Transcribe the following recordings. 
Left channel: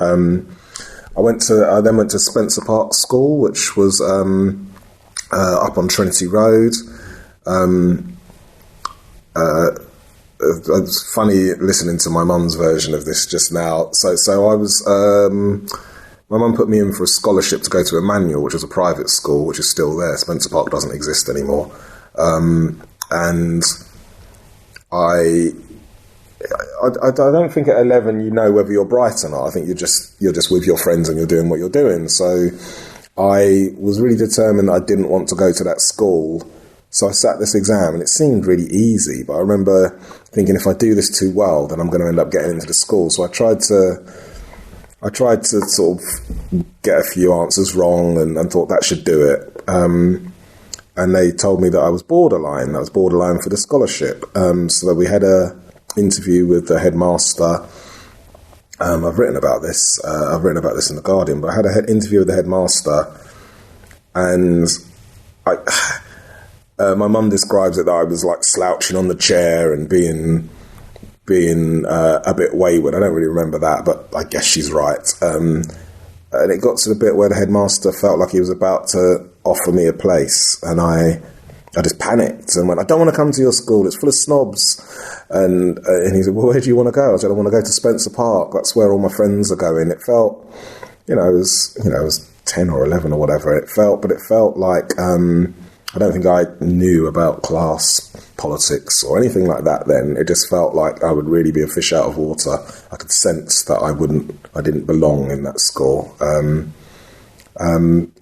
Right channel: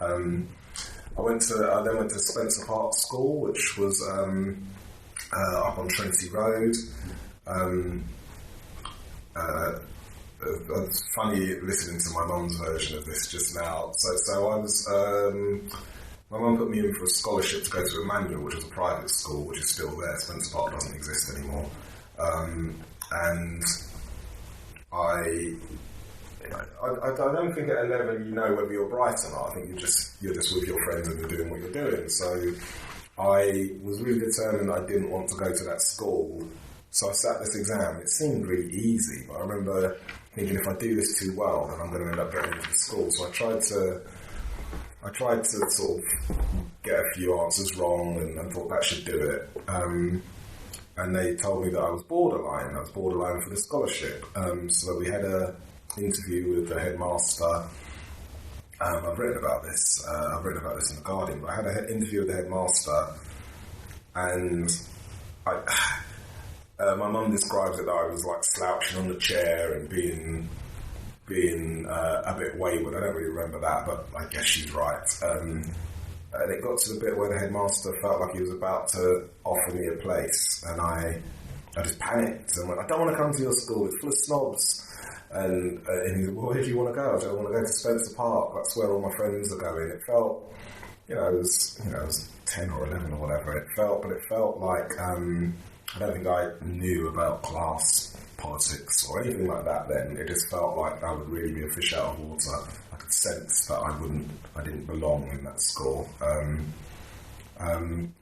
I then went to Spencer Park School, which was up on Trinity Road. It's funny listening to my mum's version of this just now. So I was, my mum put me in for a scholarship to go to Emmanuel, which was a private school, which is still there. Spencer Park doesn't exist anymore. And I don't think at 11 you know whether you're bright or not. I think you're just with your friends and you're doing what you're doing. So I was really determined that I didn't want to go to that school. So I sat this exam and it seemed really easy, but I remember thinking if I do this too well, then I'm going to end up getting into the school. So I tried to sort of get a few answers wrong and thought that should do it. And they told me that I was borderline for the scholarship. So that we had a interview with the headmaster. I've written about this in The Guardian, but I had an interview with the headmaster, and my mum describes it that I was like slouching on the chair and being a bit wayward. I don't really remember that, but I guess she's right. And it got to the bit where the headmaster felt like he was about to offer me a place, and I just panicked and went, "I don't want to come to your school. It's full of snobs." And he said, "Well, where do you want to go?" I said, "I want to go to Spencer Park. That's where all my friends are going." It felt, it was 10 or 11 or whatever. It felt like I don't think I knew about class politics or anything like that then. It just felt like I would really be a fish out of water. I could sense that I didn't belong in that school. Even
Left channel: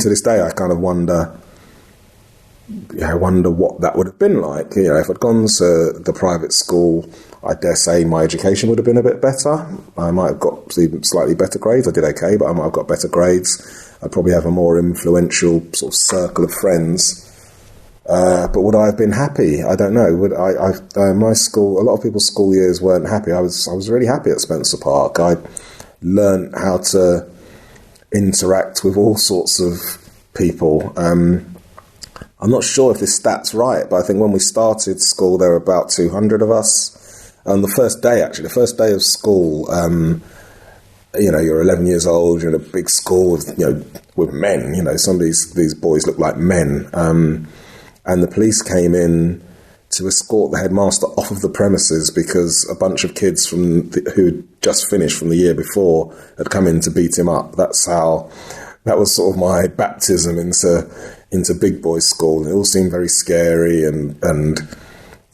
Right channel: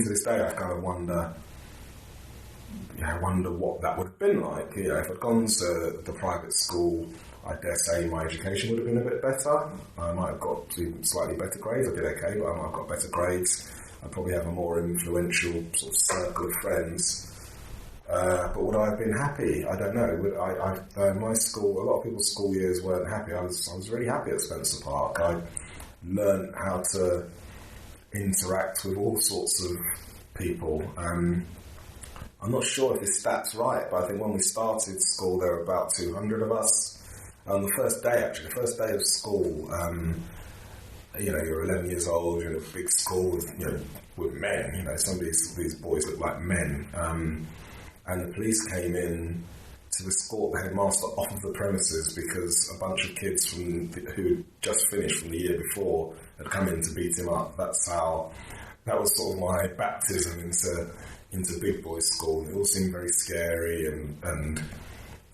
to this day, I kind of wonder what that would have been like. If I'd gone to the private school, I dare say my education would have been a bit better. I might have got even slightly better grades. I did okay, but I might have got better grades. I'd probably have a more influential sort of circle of friends. But would I have been happy? I don't know. My school, a lot of people's school years weren't happy. I was really happy at Spencer Park. I learned how to interact with all sorts of people. I'm not sure if this stat's right, but I think when we started school, there were about 200 of us. On the first day of school, you're 11 years old, you're in a big school with men, some of these boys look like men. And the police came in to escort the headmaster off of the premises because a bunch of kids who had just finished from the year before had come in to beat him up. That was sort of my baptism into big boys school. And it all seemed very scary and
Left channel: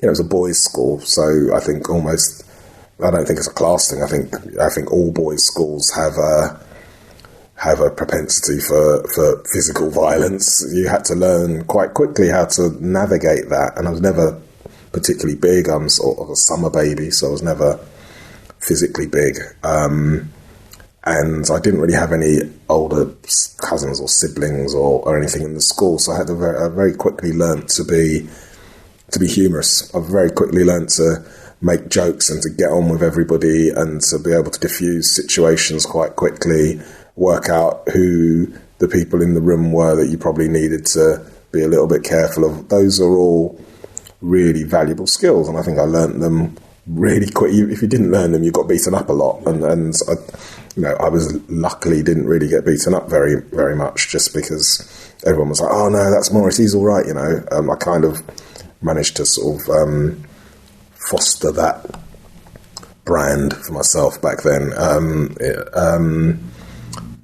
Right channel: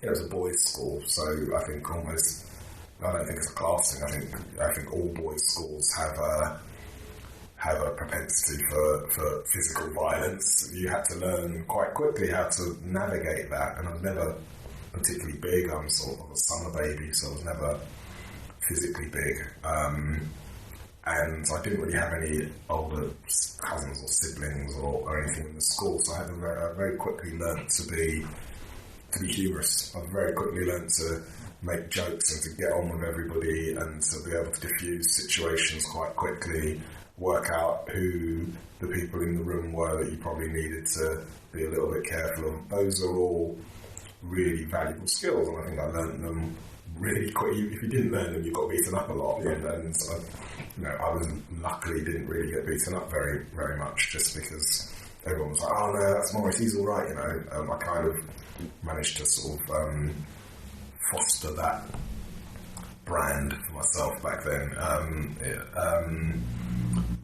it was a boys' school. So I think I don't think it's a class thing. I think all boys' schools have a propensity for physical violence. You had to learn quite quickly how to navigate that. And I was never particularly big. I'm sort of a summer baby, so I was never physically big. And I didn't really have any older cousins or siblings or anything in the school. So I had to very quickly learn to be humorous. I very quickly learned to make jokes and to get on with everybody and to be able to diffuse situations quite quickly, work out who the people in the room were that you probably needed to be a little bit careful of. Those are all really valuable skills, and I think I learnt them really quick. If you didn't learn them, you got beaten up a lot, and I was luckily didn't really get beaten up very, very much, just because everyone was like, "Oh no, that's Maurice, he's all right," I kind of managed to sort of foster that brand for myself back then.